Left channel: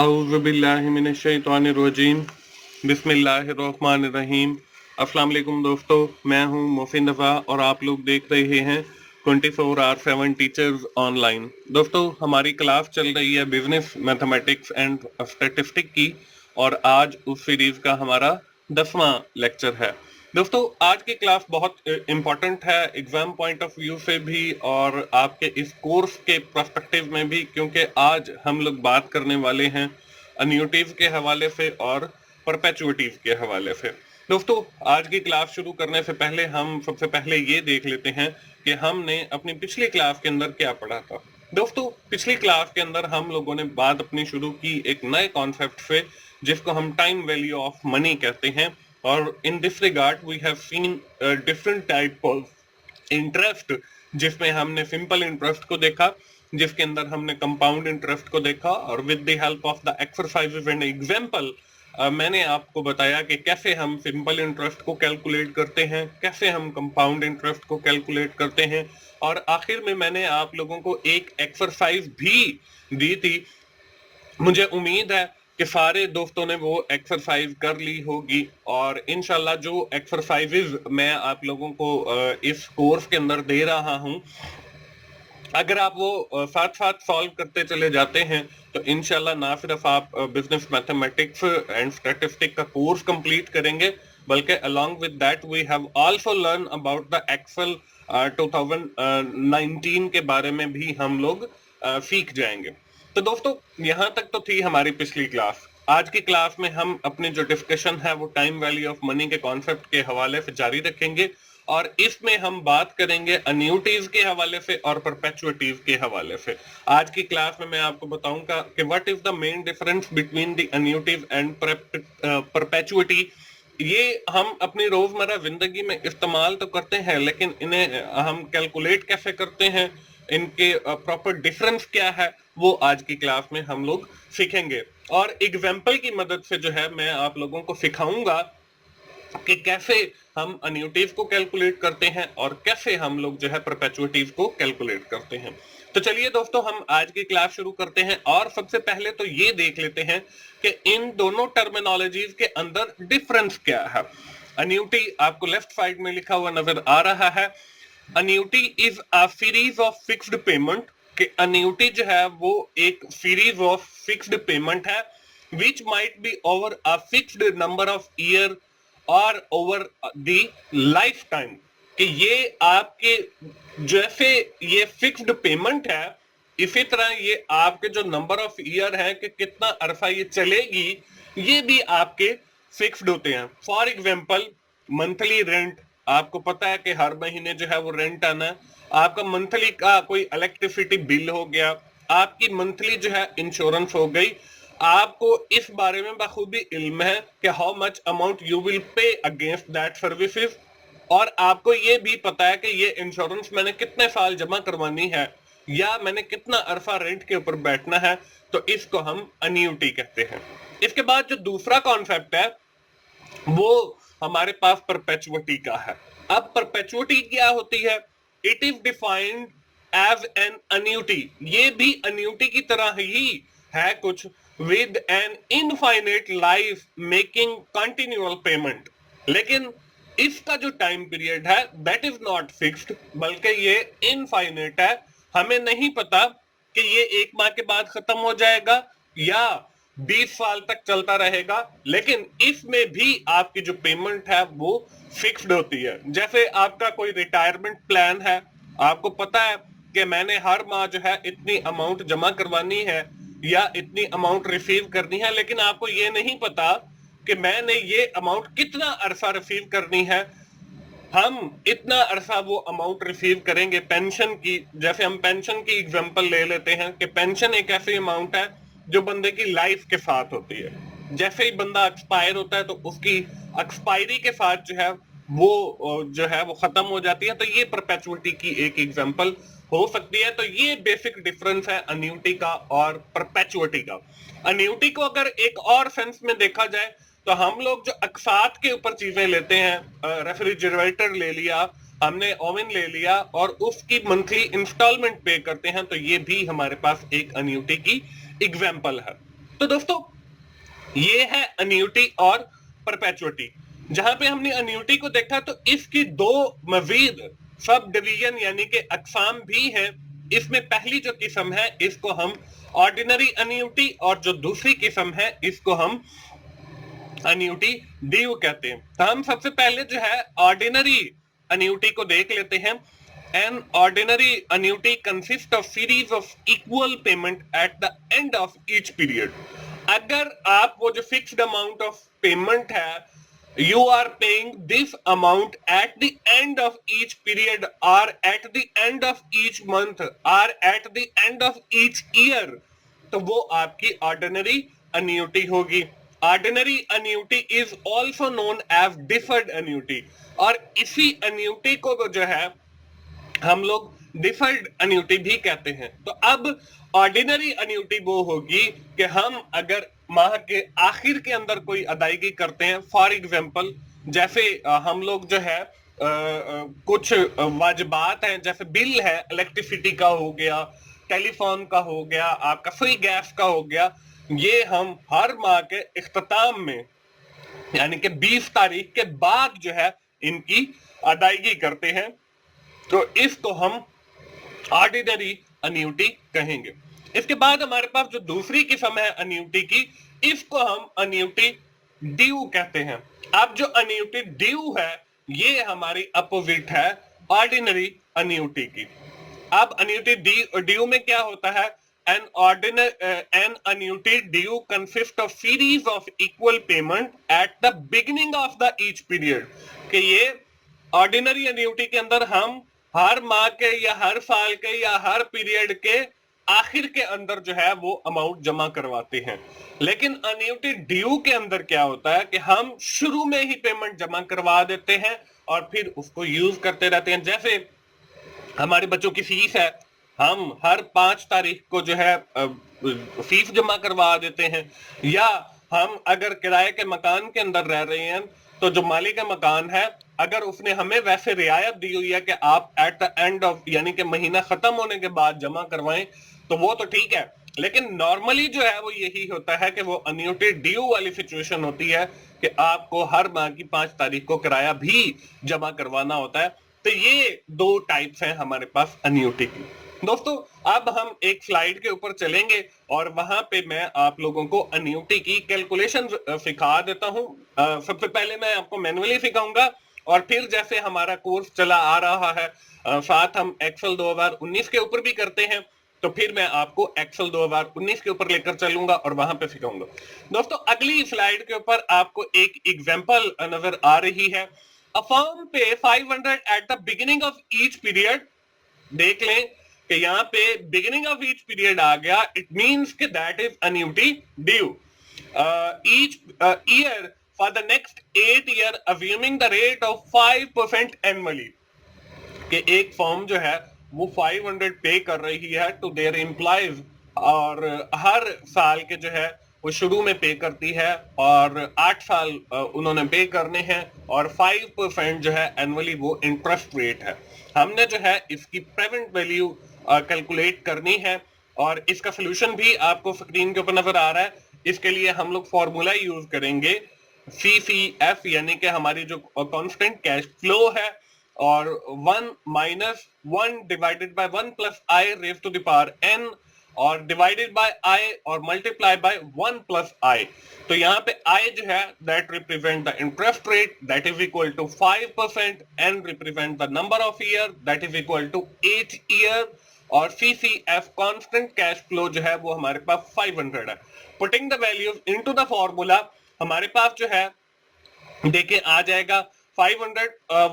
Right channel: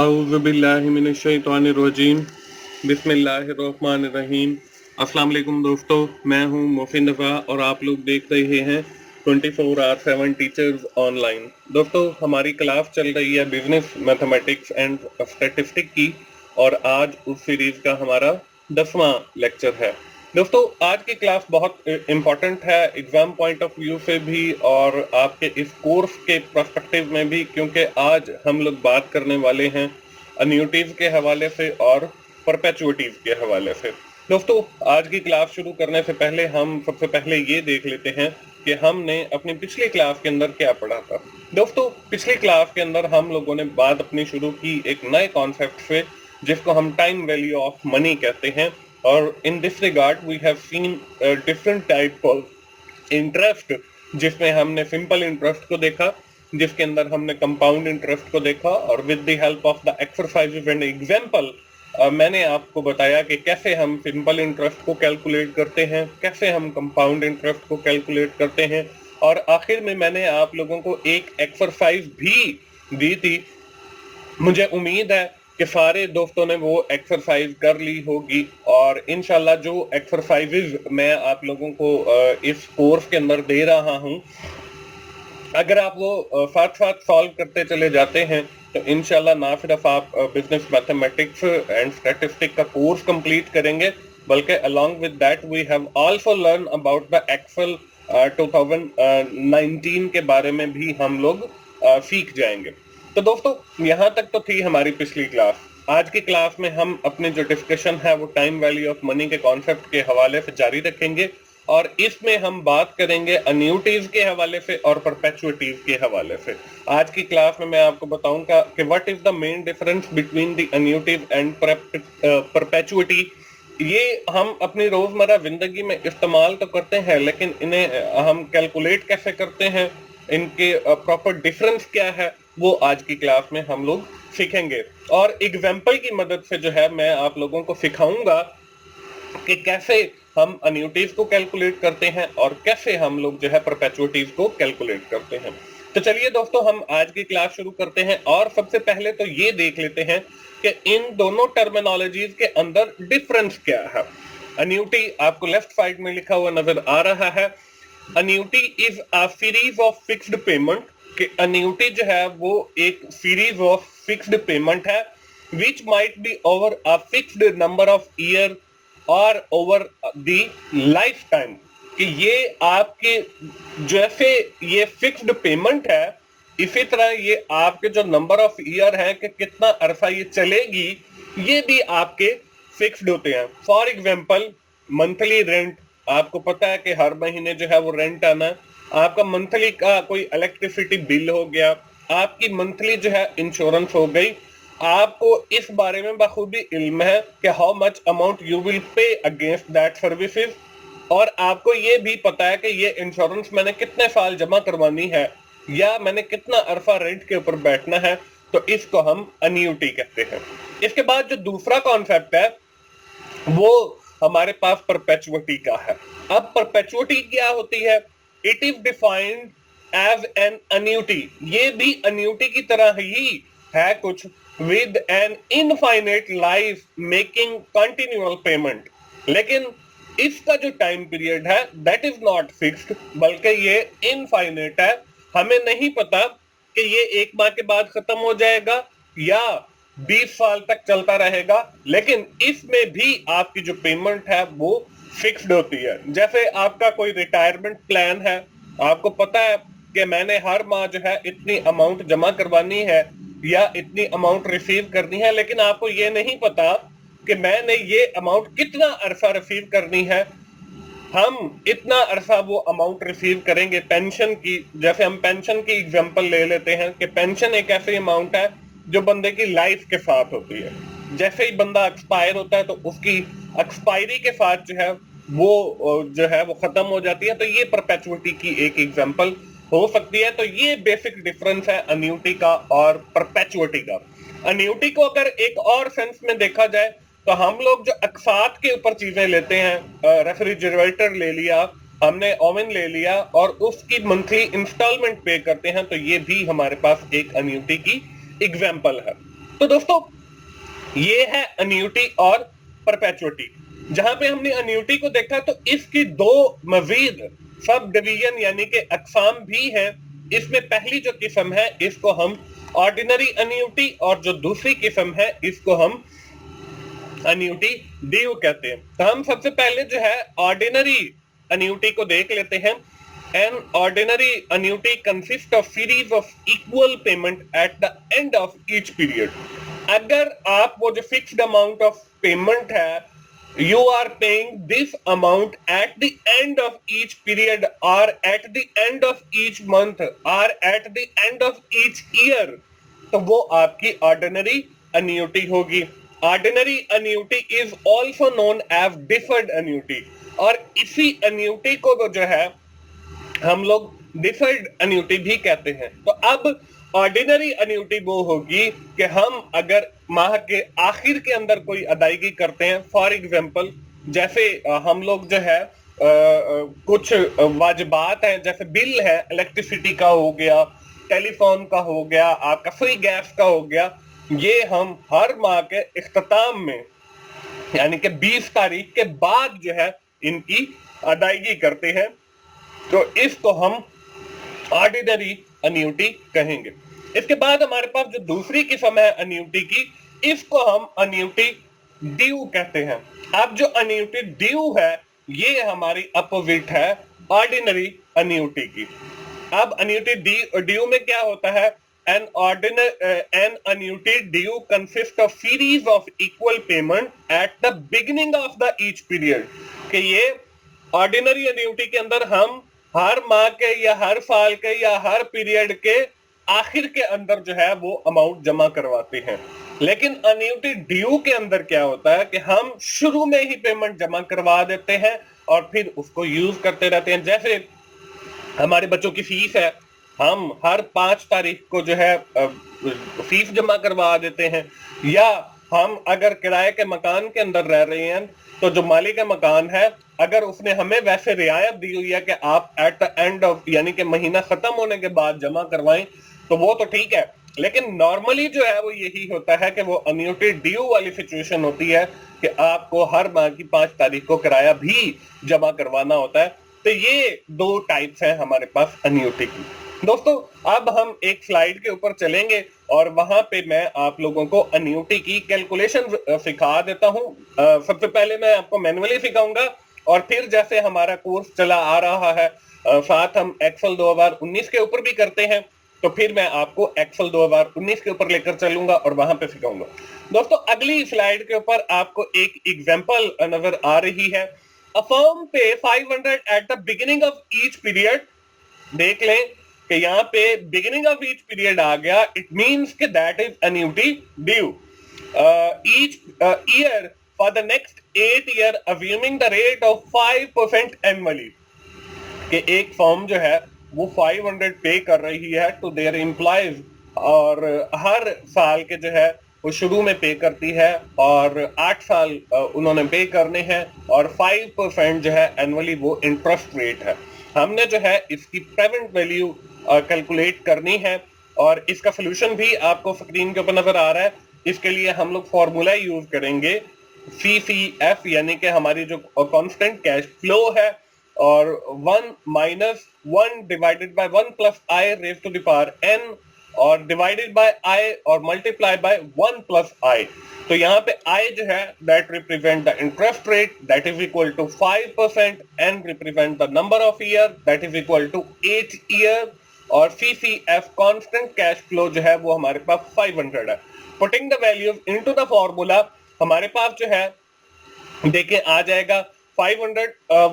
औज़ुबिल्लाहिमिनश्शैतानिर्रजीम बिस्मिल्लाहिर्रहमानिर्रहीम। अस्सलाम वालेकुम दोस्तों, मैं हूं मोहसिन रज़ा और आप लोग देख रहे हैं 24/7 टीचर्स ऑनलाइन। दोस्तों, हमारी क्लास चल रही है बिजनेस मैथमेटिक्स एंड स्टैटिस्टिक की और आज उस सीरीज का हमारा 10वां लेक्चर है। दोस्तों, आज की क्लास बहुत इम्पोर्टेंट है एग्जाम पॉइंट ऑफ व्यू से भी और आपके इस कोर्स के पर्सपेक्टिव में भी, क्योंकि आज हम लोग बात करने वाले हैं अन्यूटीज के हवाले से और परपेचुइटीज के हवाले से। दोस्तों, आज की क्लास शुरू करने से पहले हम सबसे पहले ये देख लेते हैं कि हमने अपनी पिछली क्लास के अंदर क्या पढ़ा था। दोस्तों, पिछली क्लास के अंदर हम लोगों ने बात अपनी शुरू की एक नए कॉन्सेप्ट से, जिसको हम टाइम वैल्यू ऑफ मनी कहते हैं। और in this regard we have seen different type of interest, जिसमें हमने सिंपल इंटरेस्ट को देखा, जिसके अंदर हमने कंपाउंड इंटरेस्ट को देखा, और with the help of the exercises and example मैंने आपको बताया कि कैसे हम सिंपल इंटरेस्ट को कैलकुलेट करते हैं, कैसे हम कंपाउंड इंटरेस्ट को कैलकुलेट करते हैं, और आखिर में मैंने आप लोगों को एक एक्सरसाइज भी दी थी। मुझे उम्मीद है कि सारे दोस्तों ने वो एक्सरसाइज कर ली होगी, और इंशाल्लाह जो एक्सरसाइजेज मैं आप लोगों को इस कोर्स के अंदर दे रहा हूं, अगर आप वो साथ साथ सॉल्व करते चले जाते हैं तो इंशाल्लाह ना सिर्फ आप बिजनेस मैथमेटिक्स एंड स्टैटिस्टिक का कोर्स कंप्लीट करेंगे, बल्कि along with that we have also learn about the Excel 2019 के बारे में भी हम लोग सीख जाएंगे। तो दोस्तों, यहाँ तक तो थी हमारी पिछली क्लास। आज की क्लास में हम अपने जो डिस्कशन है वो टाइम वैल्यू ऑफ मनी के कॉन्सेप्ट के हवाले से जारी रखेंगे, और इसमें हम बात करेंगे अन्यूटीज के हवाले से और परपेचुइटीज के हवाले से। आज की क्लास में मैं आपको बताऊंगा कि what is the main difference between the annuities and perpetuity. ये हम अपनी रोजमर्रा जिंदगी में इस्तेमाल तो करते हैं, लेकिन इन्हें हम कैलकुलेट कैसे करते हैं, इनके प्रॉपर डिफरेंस क्या है, वो आज की क्लास में हम लोग सीखेंगे। और एग्जाम्पल की मदद से जो है मैं आप लोगों को सिखाऊंगा कि कैसे हम अन्यूटीज को कैलकुलेट करते हैं और कैसे हम लोग जो है परपेचुइटीज को कैलकुलेट करते हैं। तो चलिए दोस्तों, हम आज की क्लास शुरू करते हैं, और सबसे पहले तो ये देख लेते हैं कि इन दोनों टर्मिनोलॉजीज के अंदर डिफरेंस क्या है। अन्यूटी आपको लेफ्ट साइड में लिखा हुआ नजर आ रहा है। Annuity is a series of fixed payment, कि अन्यूटी जो है वो एक सीरीज ऑफ फिक्स्ड पेमेंट है, which might be over a fixed number of year और ओवर द लाइफ टाइम। कि ये आपके जैसे ये फिक्स्ड पेमेंट है, इसी तरह ये आपके जो नंबर ऑफ ईयर है कि कितना अरसा ये चलेगी, ये भी आपके फिक्स्ड होते हैं। फॉर एग्जाम्पल, मंथली रेंट, आपको पता है कि हर महीने जो है वो रेंट आना है। आपका मंथली का कोई इलेक्ट्रिसिटी बिल हो गया, आपकी मंथली जो है इंश्योरेंस हो गई। आपको इस बारे में बखूबी इल्म है कि how much amount you will pay against that services, और आपको ये भी पता है कि ये इंश्योरेंस मैंने कितने साल जमा करवानी है या मैंने कितना अरसा रेंट के ऊपर बैठना है। तो इसको हम अन्यूटी कहते हैं। इसके बाद जो दूसरा कॉन्सेप्ट है वो हमारे पास परपेचुइटी का है। अब परपेचुइटी क्या होती है? It is defined as an annuity. ये भी अन्यूटी की तरह ही है कुछ, with an infinite life making continual payment. लेकिन इसका जो टाइम पीरियड है दैट इज नॉट फिक्स्ड, बल्कि ये इनफाइनेट है। हमें नहीं पता कि ये 1 माह के बाद खत्म हो जाएगा या 20 साल तक चलता रहेगा, लेकिन इसमें भी आपकी जो पेमेंट है वो फिक्स्ड होती है। जैसे आपका कोई रिटायरमेंट प्लान है, आपको पता है कि मैंने हर माह जो है इतनी अमाउंट जमा करवानी है या इतनी अमाउंट रिसीव करनी है, लेकिन आपको ये नहीं पता कि मैंने ये अमाउंट कितना अरसा रिसीव करनी है। हम इतना अरसा वो अमाउंट रिसीव करेंगे पेंशन की। जैसे हम पेंशन की एग्जांपल ले लेते हैं कि पेंशन एक ऐसी अमाउंट है जो बंदे की लाइफ के साथ होती है। जैसे ही बंदा एक्सपायर होता है तो उसकी एक्सपायरी के साथ जो है वो खत्म हो जाती है। तो ये परपेचुइटी की एक एग्जांपल हो सकती है। तो ये बेसिक डिफरेंस है अन्यूटी का और परपेचुइटी का। अन्यूटी को अगर एक और सेंस में देखा जाए तो हम लोग जो अकसात के ऊपर चीजें लेते हैं, रेफ्रिजरेटर ले लिया हमने, ओवन ले लिया, और उसकी मंथली इंस्टॉलमेंट पे करते हैं, तो ये भी हमारे पास एक अन्यूटी की एग्जांपल है। तो दोस्तों ये है अन्यूटी और परपेचुइटी। जहां पे हमने अन्यूटी को देखा तो इसकी दो मजीद सब डिवीजन यानी कि अकसाम भी हैं। इसमें पहली जो किस्म है इसको हम ऑर्डिनरी अन्यूटी और जो दूसरी किस्म है इसको हम अन्यूटी ड्यू कहते हैं। तो हम सबसे पहले जो है ऑर्डिनरी अन्यूटी को देख लेते हैं। An ordinary annuity consist of series of equal payment at the end of each period. अगर आप वो जो फिक्स्ड अमाउंट ऑफ पेमेंट है you are paying this amount at the end of each period or at the end of each month or at the end of each year, तो वो आपकी ordinary annuity होगी। Ordinary annuity is also known as deferred annuity, और इसी annuity को जो है हम लोग डिफर्ड अन्यूटी भी कहते हैं। तो अब ऑर्डिनरी अन्यूटी वो होगी कि हम अगर माह के आखिर के अंदर कोई अदायगी करते हैं, फॉर एग्जांपल जैसे हम लोग जो है कुछ वाजिबात हैं, जैसे बिल है, इलेक्ट्रिसिटी का हो गया, टेलीफोन का हो गया, आपका फ्री गैस का हो गया, ये हम हर माह के इख्तिताम में यानी कि 20 तारीख के बाद जो है इनकी अदायगी करते हैं। तो इसको हम ऑर्डिनरी अन्यूटी कहेंगे। इसके बाद हमारे पास जो दूसरी किस्म है अन्यूटी की, इसको हम अन्यूटी ड्यू कहते हैं। अब जो अन्यूटी ड्यू है ये हमारी अपोजिट है ऑर्डिनरी अन्यूटी की। अब अन्यूटी ड्यू में क्या होता है? An annuity due consist of series of equal payment at the beginning of the each period. कि ये ऑर्डिनरी अन्यूटी के अंदर हम हर माह के या हर साल के या हर पीरियड के आखिर के अंदर जो है वो अमाउंट जमा करवाते हैं। लेकिन अन्यूटी ड्यू के अंदर क्या होता है कि हम शुरू में ही पेमेंट जमा करवा देते हैं और फिर उसको यूज करते रहते हैं। जैसे हमारे बच्चों की फीस है, हम हर 5 तारीख को जो है फीस जमा करवा देते हैं। या हम अगर किराए के मकान के अंदर रह रहे हैं तो जो मालिक का मकान है अगर उसने हमें वैसे रियायत दी हुई है कि आप एट द एंड ऑफ यानी कि महीना खत्म होने के बाद जमा करवाएं, तो वो तो ठीक है। लेकिन नॉर्मली जो है वो यही होता है कि वो अन्यूटी ड्यू वाली सिचुएशन होती है कि आपको हर माह की 5 तारीख को किराया भी जमा करवाना होता है। तो ये दो टाइप्स हैं हमारे पास अन्यूटी की। दोस्तों अब हम एक स्लाइड के ऊपर चलेंगे और वहां पे मैं आप लोगों को अन्यूटी की कैलकुलेशन सिखा देता हूं। सबसे पहले मैं आपको मैनुअली सिखाऊंगा और फिर जैसे हमारा कोर्स चला आ रहा है साथ हम एक्सेल 2019 के ऊपर भी करते हैं, तो फिर मैं आपको एक्सेल 2019 के ऊपर लेकर चलूंगा और वहां पे सिखाऊंगा। दोस्तों अगली स्लाइड के ऊपर आपको एक एग्जांपल नजर आ रही है। अ फर्म पे 500 eight the beginning of each period. देख लें कि यहाँ पे बिगिनिंग ऑफ ईच पीरियड आ गया, इट मींस कि that is annuity due each year for the next 8 year assuming the rate of 5% annually. कि एक फर्म जो है वो 500 पे कर रही है टू देयर एम्प्लॉइज और हर साल के जो है वो शुरू में पे करती है और 8 साल उन्होंने पे करने हैं और 5% जो है एनुअली वो इंटरेस्ट रेट है। हमने जो है इसकी प्रेजेंट वैल्यू कैलकुलेट करनी है और इसका सोल्यूशन भी आपको स्क्रीन के ऊपर नजर आ रहा है। इसके लिए हम लोग फॉर्मूला यूज करेंगे CCF यानी कि हमारी जो कांस्टेंट कैश फ्लो है और 1 minus 1 divided by 1 plus I raise to the power n और डिवाइडेड बाय आई और मल्टीप्लाई बाय 1 प्लस आई। तो यहाँ पे I जो है that represent the interest rate that is equal to 5%, n represent the number of year that is equal to 8 year और CCF constant cash flow जो है वो हमारे पास 500 है। Putting the values into the formula हमारे पास जो है देखिए आ जाएगा 500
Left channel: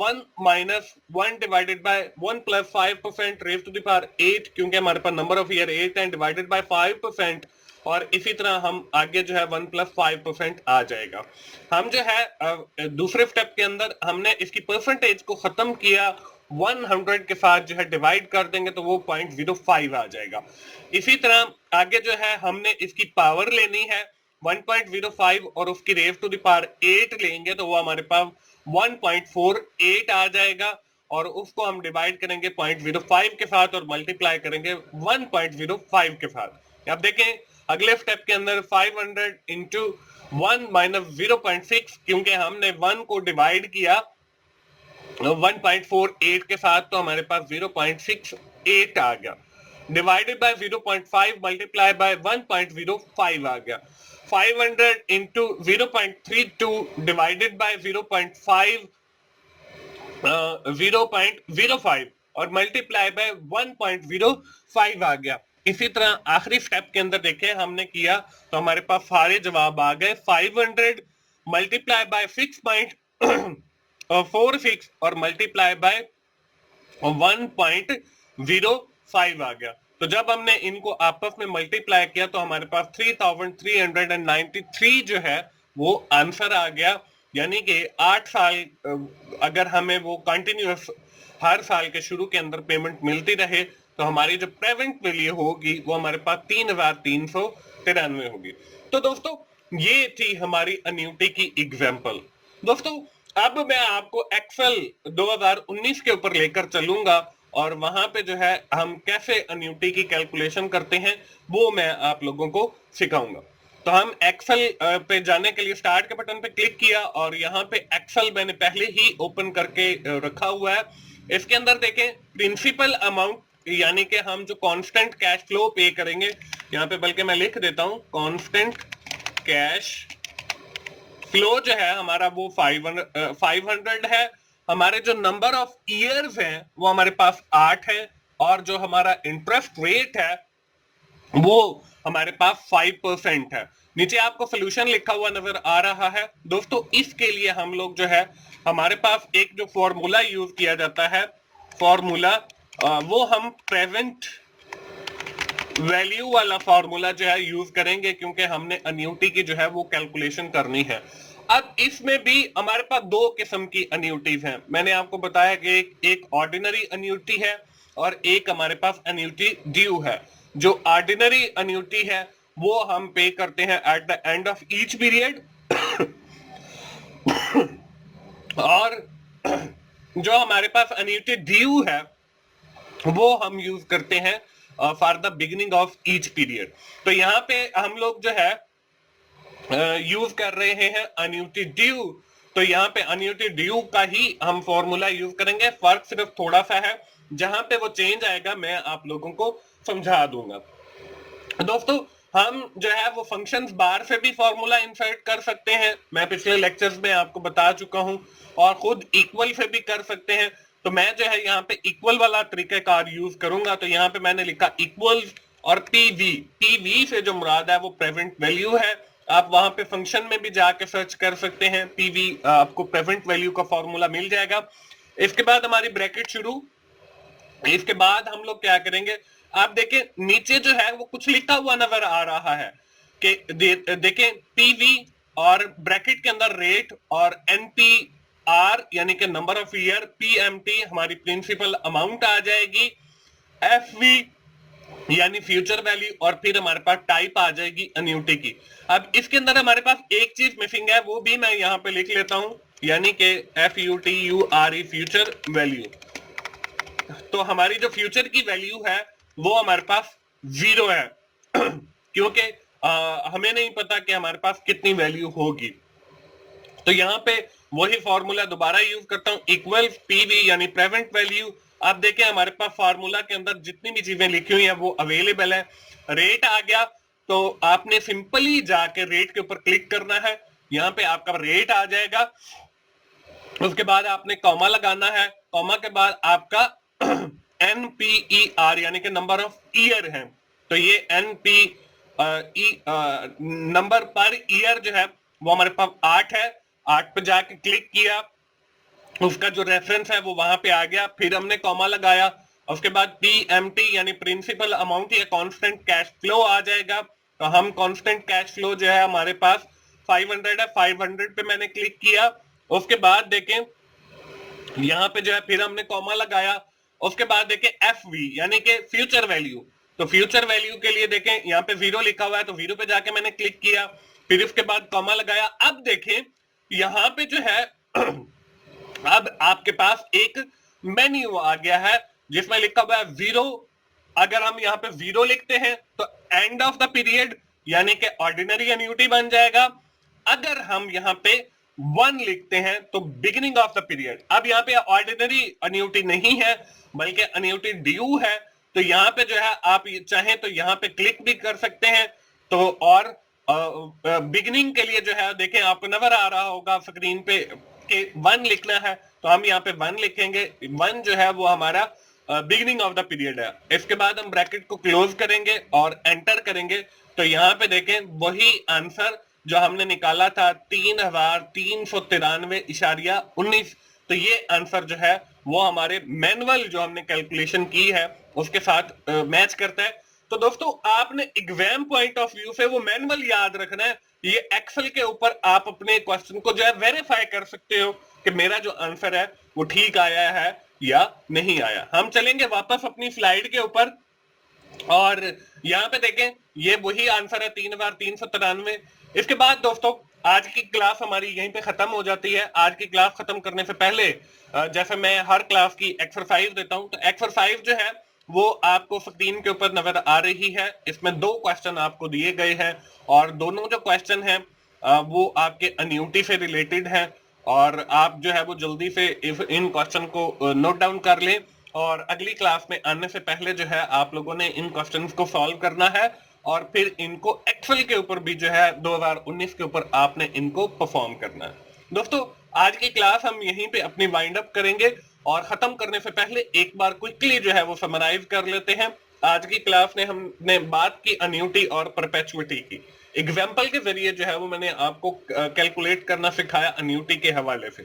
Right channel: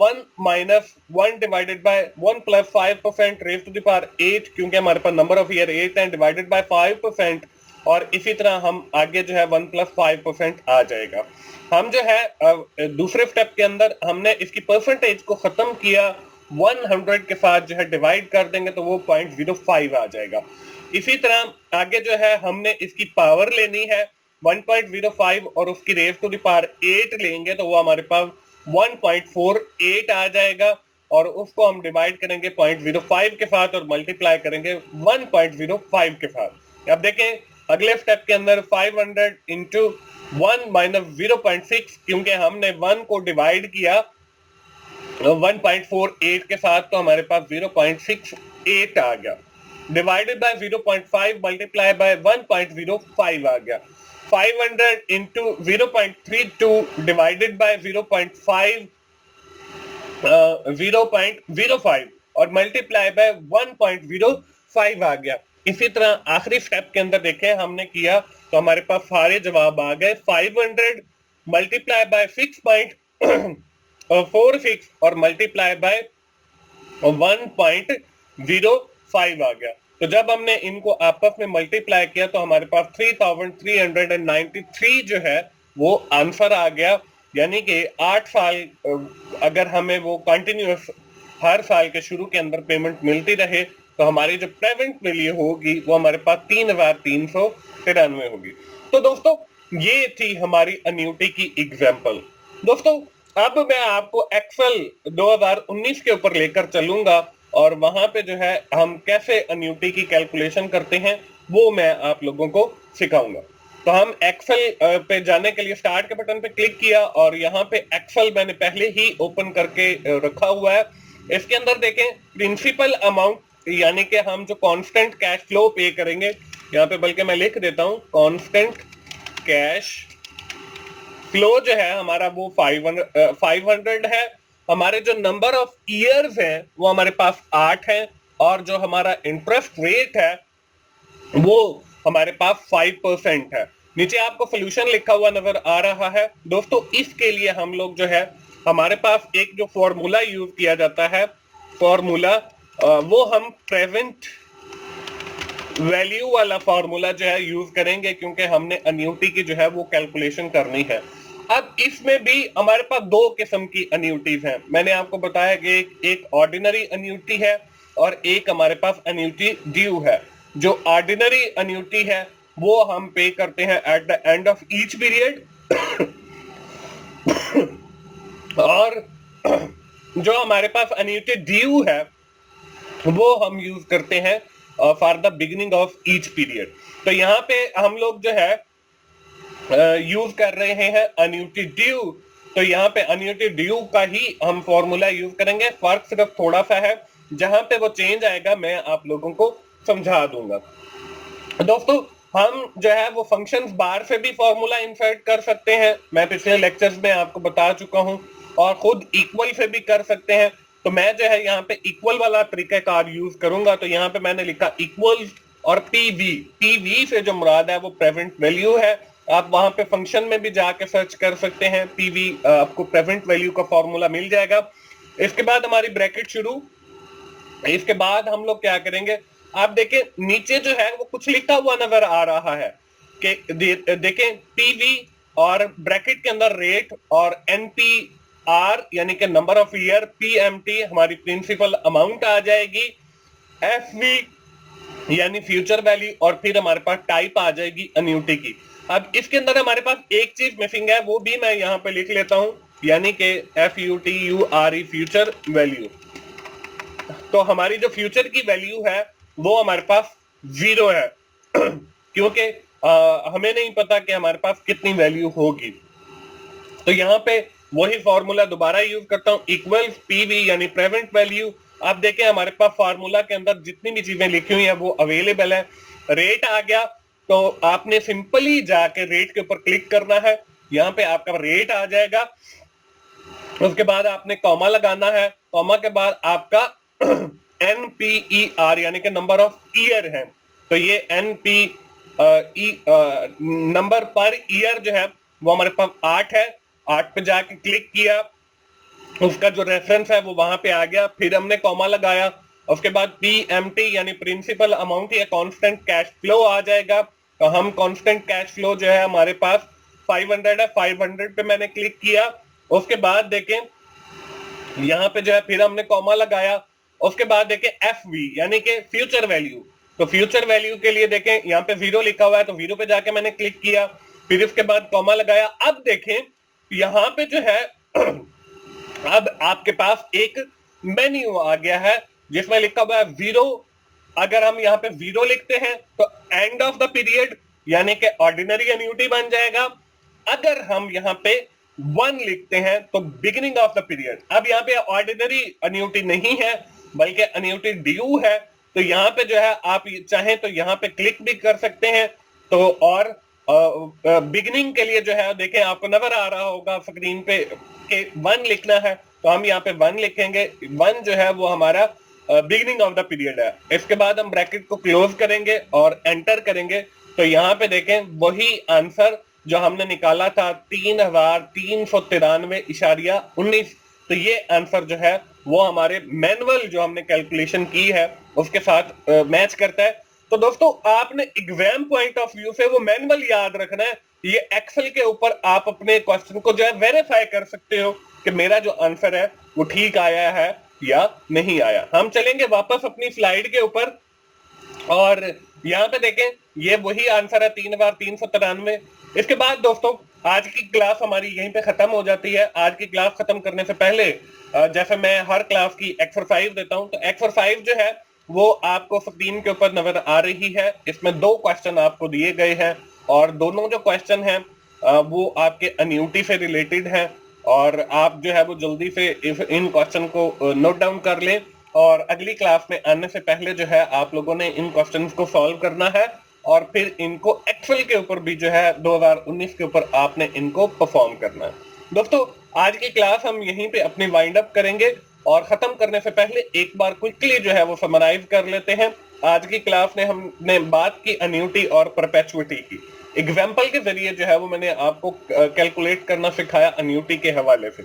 1 minus 1 divided by 1 plus 5% raise to the power 8 क्योंकि हमारे पास नंबर ऑफ ईयर 8 है डिवाइडेड बाय 5% और इसी तरह हम आगे जो है 1 प्लस 5% आ जाएगा। हम जो है दूसरे स्टेप के अंदर हमने इसकी परसेंटेज को खत्म किया 100 के साथ जो है डिवाइड कर देंगे तो वो 0.05 आ जाएगा। इसी तरह आगे जो है हमने इसकी पावर लेनी है 1.05 और उसकी रेज टू द पावर 8 लेंगे तो वो हमारे पास 1.48 आ जाएगा और उसको हम डिवाइड करेंगे 0.05 के साथ और मल्टीप्लाई करेंगे 1.05 के साथ। अब देखें अगले स्टेप के अंदर 500 इंटू 1 माइनस 0.6, क्योंकि हमने 1 को डिवाइड किया 1.48 के साथ, तो हमारे पास 0.68 आ गया, डिवाइडेड बाय 0.5 मल्टीप्लाई बाय 1.05 आ गया। 500 इंटू 0.32 डिवाइडेड बाय 0.5 0.05 और मल्टीप्लाई बाय 1.05 आ गया। इसी तरह आखिरी स्टेप के अंदर देखें हमने किया तो हमारे पास सारे जवाब आ गए। 500 मल्टीप्लाई बाय 6.46 और मल्टीप्लाई बाय 1.05 आ गया। तो जब हमने इनको आपस में मल्टीप्लाई किया तो हमारे पास 3393 जो है वो आंसर आ गया। यानी कि 8 साल अगर हमें वो कंटिन्यूअस हर साल के शुरू के अंदर पेमेंट मिलती रहे तो हमारी जो प्रेजेंट वैल्यू होगी वो हमारे पास 3393 होगी। तो दोस्तों ये थी हमारी अन्यूटी की एग्जाम्पल। दोस्तों अब मैं आपको एक्सेल 2019 के ऊपर लेकर चलूंगा और वहां पे जो है हम कैसे अन्यूटी की कैलकुलेशन करते हैं वो मैं आप लोगों को सिखाऊंगा। तो हम एक्सेल पे जाने के लिए स्टार्ट के बटन पे क्लिक किया और यहाँ पे एक्सेल मैंने पहले ही ओपन करके रखा हुआ है। इसके अंदर देखें प्रिंसिपल अमाउंट, यानी कि हम जो कांस्टेंट कैश फ्लो पे करेंगे, यहाँ पे बल्कि मैं लिख देता हूँ कांस्टेंट कैश फ्लो जो है हमारा वो 500 है। हमारे जो नंबर ऑफ ईयर्स हैं वो हमारे पास 8 है और जो हमारा इंटरेस्ट रेट है वो हमारे पास 5% है। नीचे आपको सोल्यूशन लिखा हुआ नजर आ रहा है। दोस्तों इसके लिए हम लोग जो है हमारे पास एक जो फॉर्मूला यूज किया जाता है, फॉर्मूला वो हम प्रेजेंट वैल्यू वाला फॉर्मूला जो है यूज करेंगे, क्योंकि हमने अन्यूटी की जो है वो कैलकुलेशन करनी है। अब इसमें भी हमारे पास दो किस्म की अन्यूटीज हैं। मैंने आपको बताया कि एक ऑर्डिनरी अन्यूटी है और एक हमारे पास अन्यूटी ड्यू है। जो ऑर्डिनरी अन्यूटी है वो हम पे करते हैं at the end of each period और जो हमारे पास अन्यूटी ड्यू है वो हम यूज करते हैं for the beginning of each period. तो यहाँ पे हम लोग जो है यूज कर रहे हैं अन्यूटी ड्यू। तो यहाँ पे अन्यूटी ड्यू का ही हम फॉर्मूला यूज करेंगे। फर्क सिर्फ थोड़ा सा है, जहां पे वो चेंज आएगा मैं आप लोगों को समझा दूंगा। दोस्तों हम जो है वो फंक्शंस बार से भी फॉर्मूला इंसर्ट कर सकते हैं, मैं पिछले लेक्चर्स में आपको बता चुका हूं, और खुद इक्वल से भी कर सकते हैं। तो मैं जो है यहाँ पे इक्वल वाला तरीकाकार यूज करूंगा। तो यहाँ पे मैंने लिखा इक्वल और पीवी से जो मुराद है वो प्रेजेंट वैल्यू है। आप वहां पे फंक्शन में भी जाके सर्च कर सकते हैं, पीवी आपको प्रेजेंट वैल्यू का फॉर्मूला मिल जाएगा। इसके बाद हमारी ब्रैकेट शुरू। इसके बाद हम लोग क्या करेंगे, आप देखें नीचे जो है वो कुछ लिखा हुआ नजर आ रहा है कि देखें पीवी और ब्रैकेट के अंदर रेट और एनपीआर यानी कि नंबर ऑफ ईयर, पीएमटी हमारी प्रिंसिपल अमाउंट आ जाएगी, एफवी यानी फ्यूचर वैल्यू, और फिर हमारे पास टाइप आ जाएगी अन्यूटी की। अब इसके अंदर हमारे पास एक चीज मिसिंग है, वो भी मैं यहाँ पे लिख लेता हूं, यानी कि FUTURE फ्यूचर वैल्यू। तो हमारी जो फ्यूचर की वैल्यू है वो हमारे पास 0 है क्योंकि हमें नहीं पता कि हमारे पास कितनी वैल्यू होगी। तो यहाँ पे वही फॉर्मूला दोबारा यूज करता हूँ, इक्वल पीवी यानी प्रेजेंट वैल्यू। आप देखें हमारे पास फार्मूला के अंदर जितनी भी चीजें लिखी हुई हैं वो अवेलेबल है। रेट आ गया तो आपने सिंपली जाके रेट के ऊपर क्लिक करना है, यहाँ पे आपका रेट आ जाएगा। उसके बाद आपने कॉमा लगाना है, कॉमा के बाद आपका NPER यानी कि नंबर ऑफ ईयर है। तो ये नंबर पर ईयर जो है वो हमारे पास 8 है। 8 पे जाके क्लिक किया, उसका जो रेफरेंस है वो वहां पे आ गया, फिर हमने कॉमा लगाया। उसके बाद PMT यानी प्रिंसिपल अमाउंट या कांस्टेंट कैश फ्लो आ जाएगा। तो हम कांस्टेंट कैश फ्लो जो है हमारे पास 500 है, 500 पे मैंने क्लिक किया। उसके बाद देखें यहाँ पे जो है फिर हमने कॉमा लगाया। उसके बाद देखें FV यानी कि फ्यूचर वैल्यू। तो फ्यूचर वैल्यू के लिए देखें यहाँ पे 0 लिखा हुआ है, तो 0 पे जाके मैंने क्लिक किया, फिर इसके बाद कॉमा लगाया। अब देखें यहाँ पे जो है अब आपके पास एक मेन्यू आ गया है जिसमें लिखा हुआ है 0। अगर हम यहाँ पे 0 लिखते हैं तो एंड ऑफ द पीरियड, यानी कि ऑर्डिनरी एन्युटी बन जाएगा। अगर हम यहाँ पे 1 लिखते हैं तो बिगिनिंग ऑफ द पीरियड, अब यहाँ पे ऑर्डिनरी एन्युटी नहीं है बल्कि एन्युटी ड्यू है, तो यहाँ पे जो है आप चाहें तो यहाँ पे क्लिक भी कर सकते हैं। तो और बिगिनिंग के लिए जो है देखें आपको नजर आ रहा होगा स्क्रीन पे कि 1 लिखना है, तो हम यहाँ पे 1 लिखेंगे। 1 जो है वो हमारा बिगिनिंग ऑफ द पीरियड है। इसके बाद हम ब्रैकेट को क्लोज करेंगे और एंटर करेंगे, तो यहाँ पे देखें वही आंसर जो हमने निकाला था 3393.19, तो ये आंसर जो है वो हमारे मैनुअल जो हमने कैलकुलेशन की है उसके साथ मैच करता है। तो दोस्तों आपने एग्जाम पॉइंट ऑफ व्यू से वो मैनुअल याद रखना है। ये एक्सेल के ऊपर आप अपने क्वेश्चन को जो है वेरीफाई कर सकते हो कि मेरा जो आंसर है वो ठीक आया है या नहीं आया। हम चलेंगे वापस अपनी स्लाइड के ऊपर और यहाँ पे देखें ये वही आंसर है 3393। इसके बाद दोस्तों आज की क्लास हमारी यहीं पे खत्म हो जाती है। आज की क्लास खत्म करने से पहले जैसे मैं हर क्लास की एक्सरसाइज देता हूं, तो एक्सरसाइज जो है वो आपको स्क्रीन के ऊपर नजर आ रही है। इसमें 2 क्वेश्चन आपको दिए गए हैं और दोनों जो क्वेश्चन हैं वो आपके एन्युटी से रिलेटेड हैं, और आप जो है वो जल्दी से इन क्वेश्चन को नोट डाउन कर लें और अगली क्लास में आने से पहले जो है आप लोगों ने इन क्वेश्चंस को सॉल्व करना है और फिर इनको एक्सेल के ऊपर भी जो है 2019 के ऊपर आपने इनको परफॉर्म करना है। दोस्तों आज की क्लास हम यहीं पे अपनी वाइंड अप करेंगे और खत्म करने से पहले एक बार क्विकली जो है वो समराइज कर लेते हैं। आज की क्लास में हमने बात की एन्युटी और परपेचुइटी की। एग्जाम्पल के जरिए जो है वो मैंने आपको कैलकुलेट करना सिखाया एन्युटी के हवाले से।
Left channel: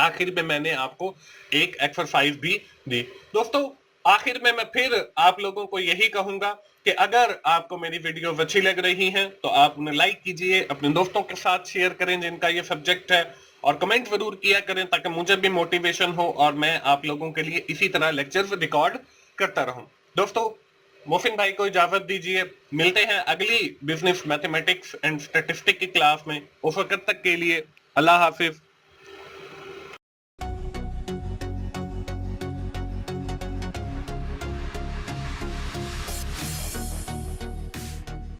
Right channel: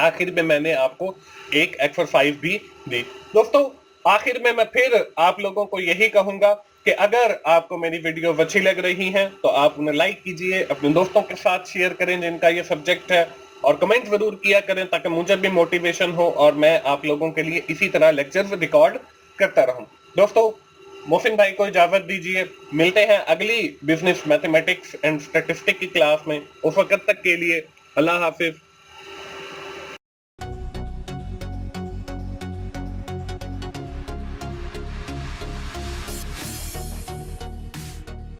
आखिर में मैंने आपको एक एक्सरसाइज भी दी। दोस्तों आखिर में मैं फिर आप लोगों को यही कहूंगा कि अगर आपको मेरी वीडियो अच्छी लग रही है तो आप उन्हें लाइक कीजिए, अपने दोस्तों के साथ शेयर करें जिनका ये सब्जेक्ट है, और कमेंट जरूर किया करें ताकि मुझे भी मोटिवेशन हो और मैं आप लोगों के लिए इसी तरह लेक्चर्स रिकॉर्ड करता रहूं। दोस्तों मोहसिन भाई को इजाजत दीजिए, मिलते हैं अगली बिजनेस मैथमेटिक्स एंड स्टैटिस्टिक्स की क्लास में। उस वक्त तक के लिए अल्लाह हाफिज।